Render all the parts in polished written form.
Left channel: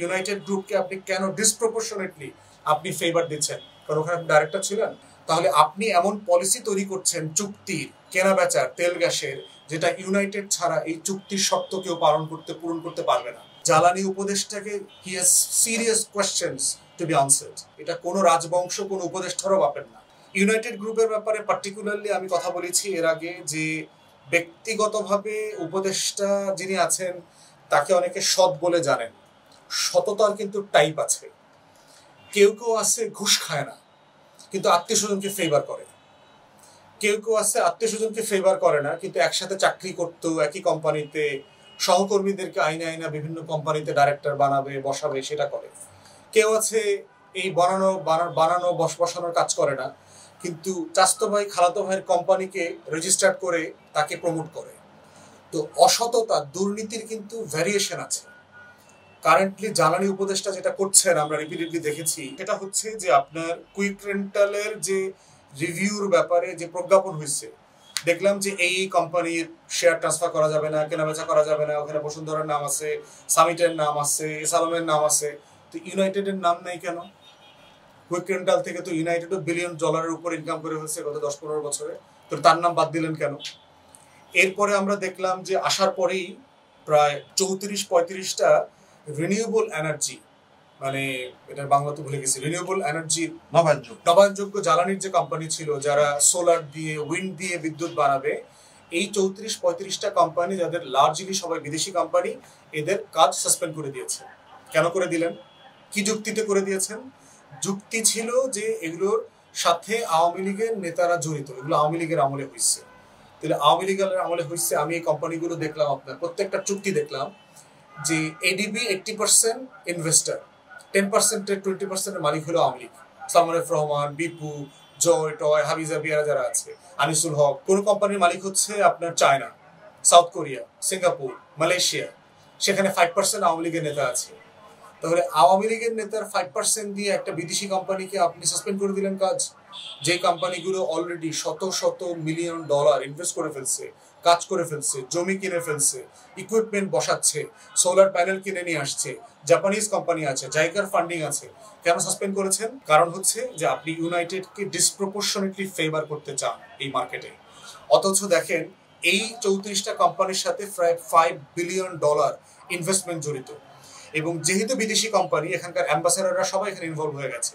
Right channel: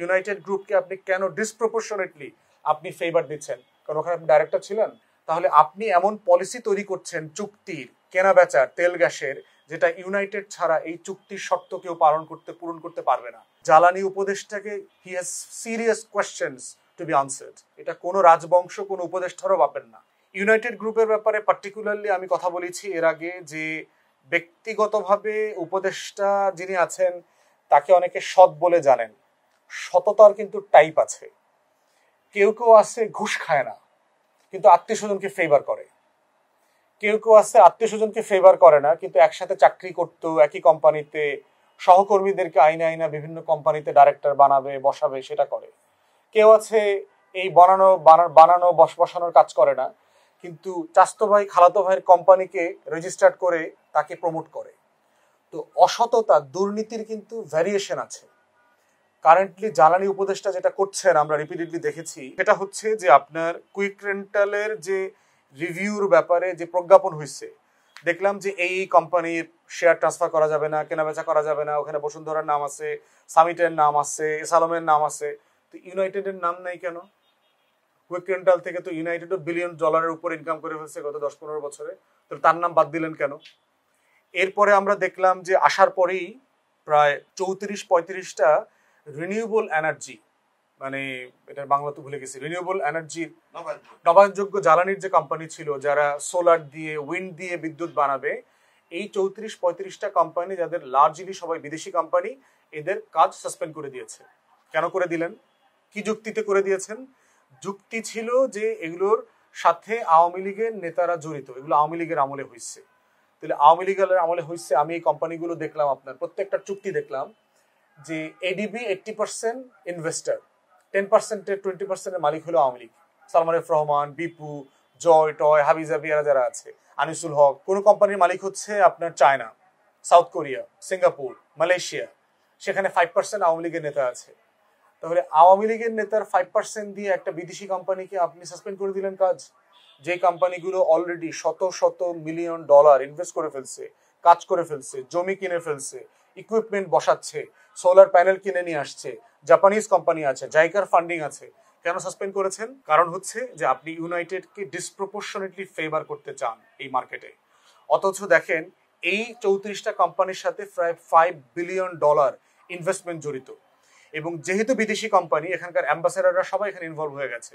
United গ্রুপকে আপনি কেন ডিসপ্রপোর্শনেটলি আপনি ফেভার দিচ্ছেন? কারণ ওখানে ডাইরেক্টর ছিলেন। তাহলে আপনি এমন পলিসি তৈরি করছেন চুক্তির, কেনা বেচার, তেল গ্যাসের, যেটা ইউনাইটেড ছাড়া এই চুক্তির শর্ত কেউ পূরণ করতে পারবে না। জ্বালানি উপদেষ্টাকে he has serious questions to be answered. এটা কোনো রাজবংশ, কোনো উপদেষ্টারও পাবেন না। ইউনাইটেড গ্রুপের ব্যাপারে পার্টিকুলারলি আমি কথা বলেছি এর আগে যে ব্যক্তিগতভাবে উপদেষ্টা যিনি আছেন তাকে অনেকে সৎ বলে জানেন। সততার কিন্তু টাইপ আছে। কেউ কেউ আছে ঘুষ খায় না কিন্তু আত্মীয় স্বজনকে ফেভার করে, কেউ কেউ আছে আত্মীয় স্বজনকে ফেভার করে না কিন্তু একসাথে চাকরি করতো একই কোম্পানিতে, সহকর্মীদেরকে আইনা আইনা বিভিন্ন কোম্পানিতে ডাইরেক্টর বানাবে, বসাবে, সেটা করে। কেউ আছে এই বানানো বসানোর কাজ করে না কিন্তু চাস্তো ভাই খালাতো ভাইয়ের কোম্পানিকে রেজিস্টার্ড করে তাকে প্রমোট করে। তো অসততা, দুর্নীতির কিন্তু ভ্যারিয়েশন আছে। কারেন্টলি জ্বালানি উপদেষ্টা যেটা করছেন আমরা রিপিটেডলি দেখেছি, সেটা হচ্ছে যে আপনার কুইক রেন্টালের যে রিভিউর ব্যাপারে যে প্রজ্ঞাপন হয়েছে, দেখলাম যে এই কোম্পানির শেয়ার ট্রান্সফার করা যাবে না, কেনাবেচা করা যাবে না, ওখানে বসুন্ধরার নাম আছে, সামিটের নাম আছে, এসালমের নাম আছে, তো ইউনাইটেডের নাম নেই কেন? কুইক রেন্টাল থেকে তো ইউনাইটেডও $1 বিলিয়ন উপর ইনকাম করে হচ্ছে গত 10-15 বছরে, তো তার নাম বাদ দিলেন কেন? এরপরে আমরা দেখলাম যে আসার পরেই প্রায় 34-35টা রিনিউয়েবল এনার্জি, মানে এটার বাংলা তো ভুলে গেছি, রিনিউয়েবল এনার্জি নবায়নযোগ্য জ্বালানির যে কোম্পানি ছিল যারা সোলার দিয়ে, উইন্ড দিয়ে বিদ্যুৎ বানাবে, এই 34-35টা কোম্পানি যাদের লার্জলি সবাই বিদেশি কোম্পানি, এদের কাজ সাসপেন্ড করে দিয়েছে। কেন করে দিলেন? কি যুক্তিতে করে দিয়েছেন? যুক্তি ছিল যে এগুলোর সাথে আওয়ামী লীগের নেতারা জড়িত, এগুলো আওয়ামী লীগের আমলে হয়েছে। তাহলে আওয়ামী লীগের আমলে হয়েছে, আমি এই কোম্পানিগুলো দেখলাম, আপনার প্রত্যেকটা চুক্তি দেখলাম যে এডিবি 80% ইনভেস্টার, 10%-এর 20%-এর মালিক হলো আওয়ামী লীগ। সালমান এফ রহমান, বিপু, জয় টয়, হাবিজাবি, এরা যারা আছে, আনিসুল হক। কোনো কোম্পানির মালিক হচ্ছে আপনার China, south Korea, Singapore, Malaysia, সেখানে 5% আওয়ামী লীগের নেতা আছে। তাহলে আওয়ামী লীগের নেতার 5% দিয়ে একটা বিদেশি কোম্পানিকে আপনি সাসপেন্ড করে দিলেন কাজ, যে কোম্পানিগুলো অলরেডি শত শত $মিলিয়ন ইনভেস্ট করে ফেলছে, কাজ করে ফেলছে, জমি কিনে ফেলছে, ইকুইপমেন্ট বসাচ্ছে, সোলার প্যানেল কিনে নিয়ে আসছে, জাপানিজ কোম্পানি আছে, জাইকার ফান্ডিং আছে। কেন সাসপেন্ড করেছেন? কারণ হচ্ছে যে আপনি ইউনাইটেডকে ডিসপ্রপোর্শনেটলি ফেভার করতে চান এই মার্কেটে। অথচ দেখেন এই 34টা কোম্পানির সাথে প্রায় $5 বিলিয়ন ইনভেস্টমেন্ট জড়িত, এবং যেহেতু বিদেশি কোম্পানি, এখানকার অ্যাম্বাসেডাররা সবাই এখানে ইনভলভ হয়ে গেছে।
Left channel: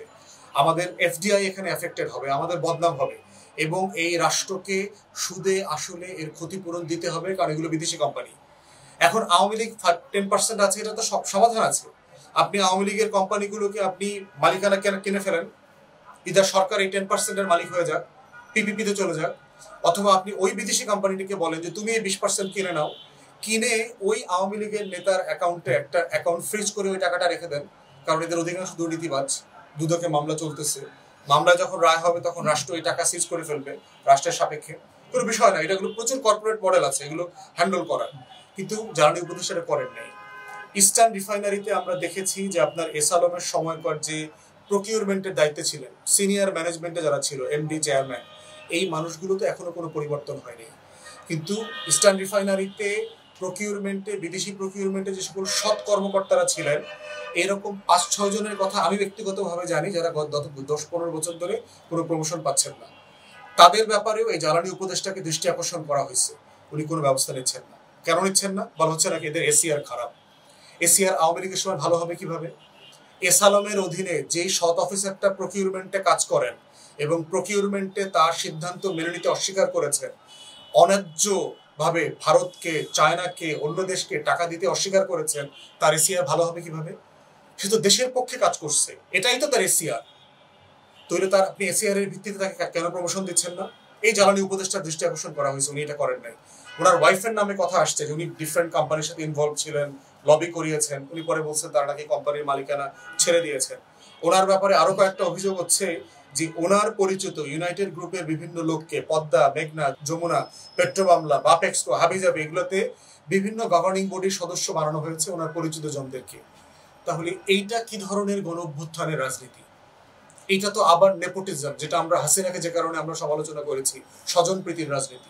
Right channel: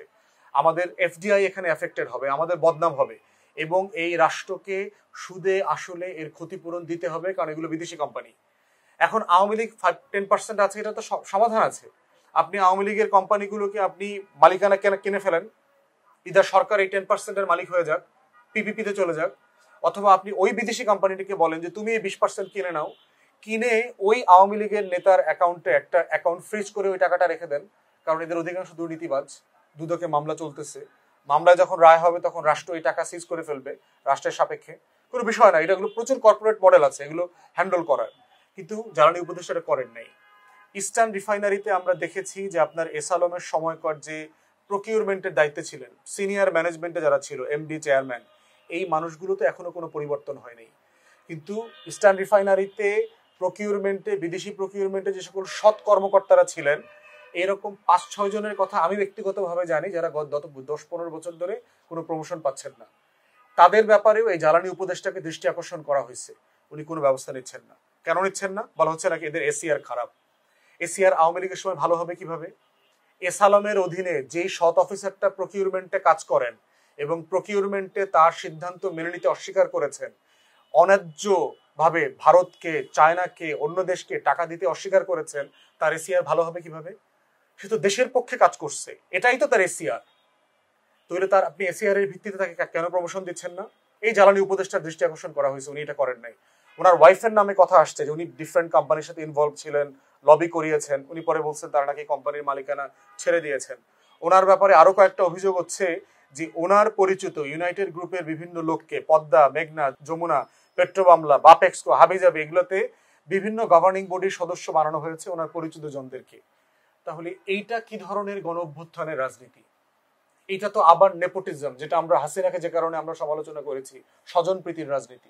আমাদের এফডিআই এখানে এফেক্টেড হবে, আমাদের বদনাম হবে, এবং এই রাষ্ট্রকে সুদে আসলে এর ক্ষতিপূরণ দিতে হবে, কারণ এগুলো বিদেশি কোম্পানি। এখন আওয়ামী লীগ 10% আছে, এটা তো সমাধান আছে। আপনি আওয়ামী লীগের কোম্পানিগুলোকে আপনি মালিকানা কিনে ফেলেন, ইদার সরকার এই 10%-এর মালিক হয়ে যাক, পিপিপিতে চলে যাক, অথবা আপনি ওই বিদেশি কোম্পানিটিকে বলেন যে তুমি এই 20% কিনে নাও, কিনে ওই আওয়ামী লীগের নেতার অ্যাকাউন্টে একটা অ্যাকাউন্ট ফ্রিজ করে ওই টাকাটা রেখে দেন, কারণ এদের অধিকাংশ দুর্নীতিবাজ, দুদকে মামলা চলতেছে, মামলা যখন রায় হবে তখন রাষ্ট্র এই টাকা সিজ করে ফেলবে রাষ্ট্রের সাপেক্ষে, কোনো বিষয় না। এটাগুলো প্রচুর কর্পোরেট মডেল আছে, এগুলো হ্যান্ডেল করার, কিন্তু জ্বালানি উপদেষ্টারা করেন নাই। ইস্টার্ন রিফাইনারিতে আমরা দেখেছি যে আপনার এসালমের সময়কার যে প্রকিউরমেন্টের দায়িত্বে ছিলেন, সিনিয়র ম্যানেজমেন্টে যারা ছিল, এমডি, চেয়ারম্যান, এই মানুষগুলোতে এখনো কোনো পরিবর্তন হয়নি। কিন্তু ইস্টার্ন রিফাইনারিতে প্রকিউরমেন্টে, বিদেশি প্রকিউরমেন্টে যে সকল সৎ কর্মকর্তারা ছিলেন, এরকম 5-6 জনের কথা আমি ব্যক্তিগতভাবে জানি, যারা গত 10-15 বছর ধরে কোনো প্রমোশন পাচ্ছেন না। তাদের ব্যাপারেও এই জ্বালানি উপদেষ্টাকে দৃষ্টি আকর্ষণ করা হয়েছে, উনি কোনো ব্যবস্থা নিচ্ছেন না। কেন নিচ্ছেন না? বলা হচ্ছে নাকি এদের এসিআর খারাপ। এসিআর আওয়ামী লীগের সময় ভালো হবে কিভাবে? এসালমের অধীনে যেই সৎ অফিসারটা প্রকিউরমেন্টে কাজ করেন এবং প্রকিউরমেন্টে তার সিদ্ধান্ত মেনে নিতে অস্বীকার করেছেন, অন্যায্য ভাবে ভারতকে, চায়নাকে, অন্য দেশকে টাকা দিতে অস্বীকার করেছেন, তার এসিআর ভালো হবে কিভাবে? সে তো দেশের পক্ষে কাজ করছে, এটাই তো তার এসিআর। তাহলে তার আপনি এসিআর এর ভিত্তিতে তাকে কেন প্রমোশন দিচ্ছেন না? এই জ্বালানি উপদেষ্টার দৃষ্টি আকর্ষণ করা হয়েছে, উনি এটা করেন নাই। ওনার ওয়াইফের নামে কথা আসছে যে উনি ডিফারেন্ট কোম্পানির সাথে ইনভলভ ছিলেন, লবি করিয়েছেন, উনি পরে বলছেন তারা নাকি কোম্পানির মালিকানা ছেড়ে দিয়েছেন। ওনার ব্যাপারে আরো কয়েকটা অভিযোগ হচ্ছে যে ওনার পরিচিত ইউনাইটেড গ্রুপের বিভিন্ন লোককে পদ্মা, মেঘনা, যমুনা, পেট্রোবাংলা, বাপেক্সকো, হাবিজাবি, এগুলোতে বিভিন্ন গভর্নিং বডির সদস্য বানানো হয়েছে ওনার পরিচিত জনদেরকে। তাহলে এইটা কি ধরনের গণ অভ্যুত্থানের রাজনীতি? এটা তো আবার নেপোটিজম, যেটা আমরা হাসিনাকে যে কারণে আমরা সমালোচনা করেছি, স্বজনপ্রীতির রাজনীতি।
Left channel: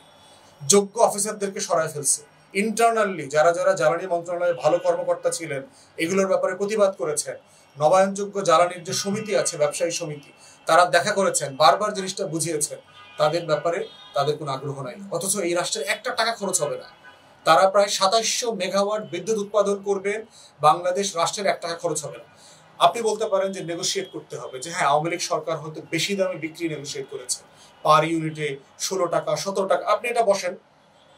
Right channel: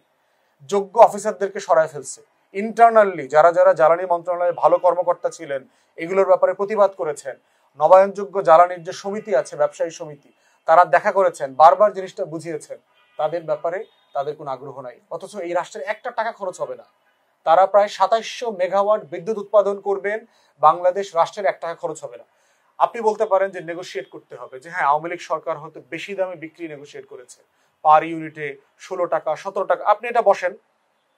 যোগ্য অফিসারদেরকে সরায় ফেলছে, ইন্টারনালি যারা যারা জ্বালানি মন্ত্রণালয়ে ভালো কর্মকর্তা ছিলেন এগুলোর ব্যাপারে প্রতিবাদ করেছেন, নবায়নযোগ্য জ্বালানির যে সমিতি আছে, ব্যবসায়ী সমিতি, তারা দেখা করেছেন, বারবার জিনিসটা বুঝিয়েছেন, তাদের ব্যাপারে তাদের কোনো আগ্রহ নাই। অথচ এই রাষ্ট্রের একটা টাকা খরচ হবে না। তারা প্রায় ২৭০০ মেগাওয়াট বিদ্যুৎ উৎপাদন করবেন, বাংলাদেশ রাষ্ট্রের ১ টাকা খরচ হবে না। আপনি বলতে পারেন যে নেগোশিয়েট করতে হবে, যে হ্যাঁ আওয়ামী লীগ সরকার হয়তো বেশি দামে বিক্রি নেগোশিয়েট করেছে, পার ইউনিটে ১৬ টাকা ১৭ টাকা। আপনি এটা বসেন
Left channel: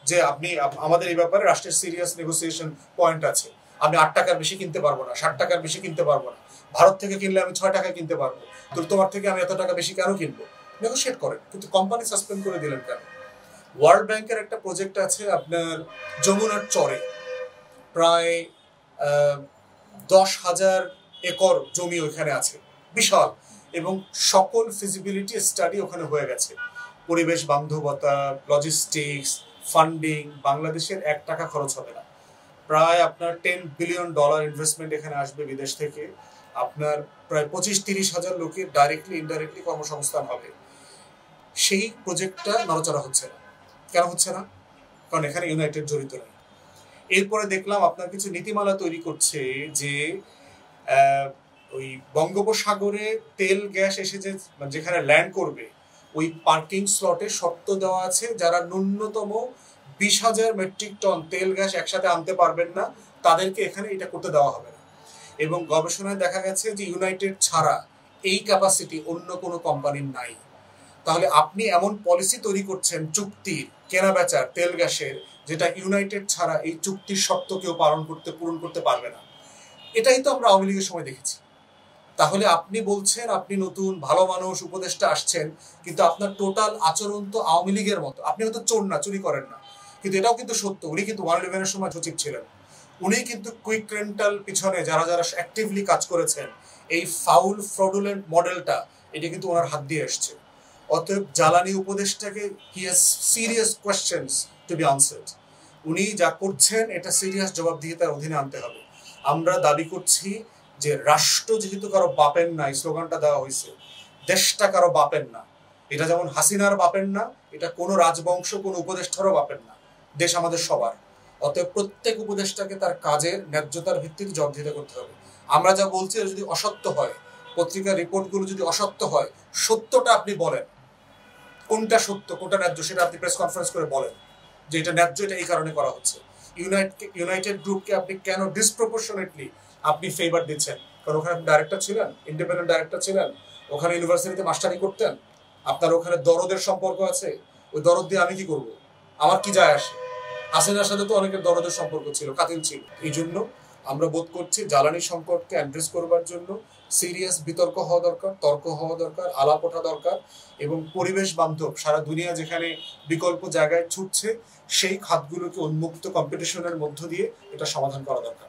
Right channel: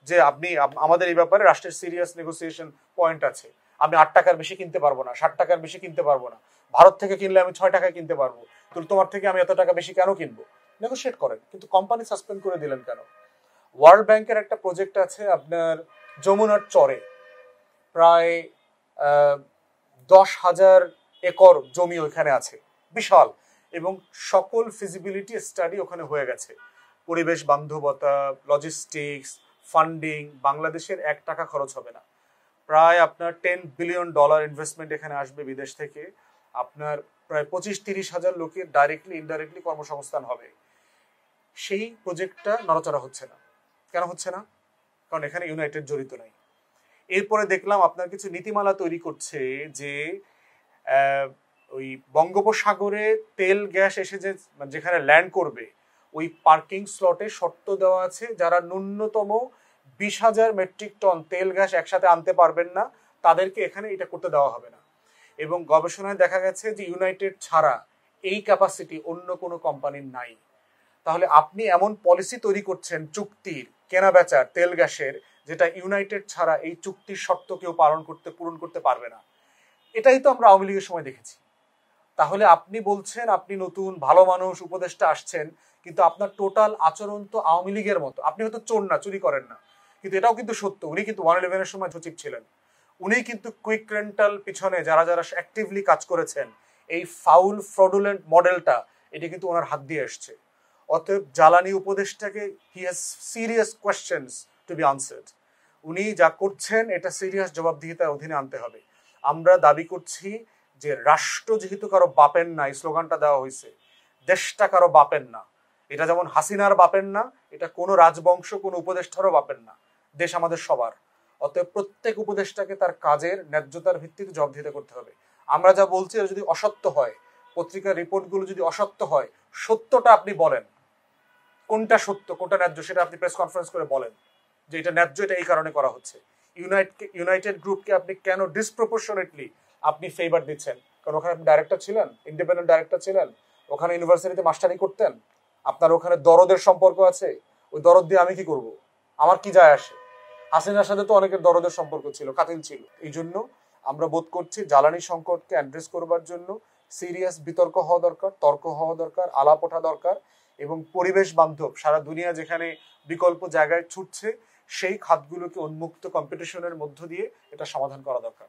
যে আপনি আমাদের এই ব্যাপারে রাষ্ট্রের সিরিয়াস নেগোসিয়েশন পয়েন্ট আছে, আমি ৮ টাকার বেশি কিনতে পারবো না, ৬০ টাকার বেশি কিনতে পারবো না, ভারত থেকে কিনলে আমি ৬ টাকায় কিনতে পারবো, তো তোমার থেকে আমি এত টাকা বেশি কেন কিনবো? নেগোশিয়েট করেন। কিন্তু কোম্পানি সাসপেন্ড করে দিলেন কেন? ওয়ার্ল্ড ব্যাংকের একটা প্রজেক্ট আছে আপনার যমুনার চরে, প্রায় ১০,০০০ একর জমি ওইখানে আছে, বিশাল, এবং সকল ফিজিবিলিটি স্টাডি ওখানে হয়ে গেছে, পরিবেশ বান্ধবতা, লজিস্টিক্স, ফান্ডিং, বাংলাদেশের ১ টাকা খরচ হবে না। প্রায় আপনার $10 বিলিয়ন ইনভেস্টমেন্ট এখানে আসবে বিদেশ থেকে, আপনার প্রায় ২৫-৩০ হাজার লোকের ডাইরেক্টলি ইনডাইরেক্টলি কর্মসংস্থান হবে। সেই প্রজেক্টটা নড়াচড়া হচ্ছে না। কেন হচ্ছে না? কারণ এখানে ইউনাইটেড জড়িত নেই। এরপরে দেখলাম আপনার কিছু নীতিমালা তৈরি করছে যে ওই বঙ্গোপসাগরে তেল গ্যাস এসে যেখানে ল্যান্ড করবে ওই পার্কিং স্লটে শর্ত দেওয়া আছে, যারা ন্যূনতম ২০,০০০ মেট্রিক টন তেল গ্যাস একসাথে আনতে পারবেন না তাদেরকে এখানে এটা করতে দেওয়া হবে না। এবং গবেষণায় দেখা গেছে যে ইউনাইটেড ছাড়া এই ক্যাপাসিটি অন্য কোনো কোম্পানির নাই। তাহলে আপনি এমন পলিসি তৈরি করছেন চুক্তির, কেনা বেচার, তেল গ্যাসের, যেটা ইউনাইটেড ছাড়া এই চুক্তির শর্ত কেউ পূরণ করতে পারবে না। এটাই তো আমরা আওয়ামী লীগের সময় দেখেছি। তাহলে আপনি বলছেন আপনি নতুন ভালো মানুষ, উপদেষ্টা আসছেন, কিন্তু আপনার টোটাল আচরণ তো আওয়ামী লীগের মতো। আপনি হয়তো চোর না, চুরি করেন না, কিন্তু এটাও কিন্তু সত্য, উনি কিন্তু 111-এর সময় সচিব ছিলেন, উনি কিন্তু কুইক রেন্টাল পিছনে যারা যারা অ্যাক্টিভলি কাজ করেছেন, এই ফাউল ফ্রডুলেন্ট মডেলটা, এটা কিন্তু ওনার হাত দিয়ে আসছে। অতএব জ্বালানি উপদেষ্টাকে he has serious questions to be answered. উনি যা করছেন এটা সিরিয়াস জবাবদিহিতার অধীনে আনতে হবে। আমরা দাবি করছি যে রাষ্ট্র যেহেতু কারো বাপের না, এই স্লোগানটা দেওয়া হয়েছে, দেশটা কারো বাপের না, এটা যেমন হাসিনার বাপের না, এটা কোনো রাজবংশ কোনো উপদেষ্টারও বাপের না, দেশ আমাদের সবার। অতএব প্রত্যেক উপদেষ্টাকে তার কাজের ন্যায্যতার ভিত্তিতে জবাবদিহিতা করতে হবে। আমরা যা বলছি এটা যদি অসত্য হয়, পত্রিকার রিপোর্টগুলো যদি অসত্য হয়, সত্যটা আপনি বলেন, কোনটা সত্য কোনটা ন্যায্য সেটা আপনি প্রেস কনফারেন্স করে বলেন যে এটা ন্যায্য, এটা এই কারণে করা হচ্ছে। ইউনাইটেড গ্রুপকে আপনি কেন ডিসপ্রপোর্শনেটলি আপনি ফেভার দিচ্ছেন? কারণ ওখানে ডাইরেক্টর ছিলেন, ইন্ডিপেন্ডেন্ট ডাইরেক্টর ছিলেন, ওখানে ইউনিভার্সিটিতে মাস্টারি করতেন, আপনার ওখানে দরদের সম্পর্ক আছে, ওই দরদ দিয়ে আমি কি করব? আমার কি যায় আসে? হাসিনার সাথে তো অনেকের দরদের সম্পর্ক ছিল, কাতিল ছিল। এই জন্য আমরা বোধ করছি জ্বালানি সংকটকে অ্যাড্রেস করবার জন্য সিরিয়াস বিতর্ক হওয়া দরকার, তর্ক হওয়া দরকার, আলাপ ওঠা দরকার, এবং পরিবেশ বান্ধব সারা দুনিয়া যেখানে বিকল্প জায়গায় ছুটছে সেই খাতগুলোকে উন্মুক্ত কম্পিটিশনের মধ্য দিয়ে এটা সমাধান করা দরকার।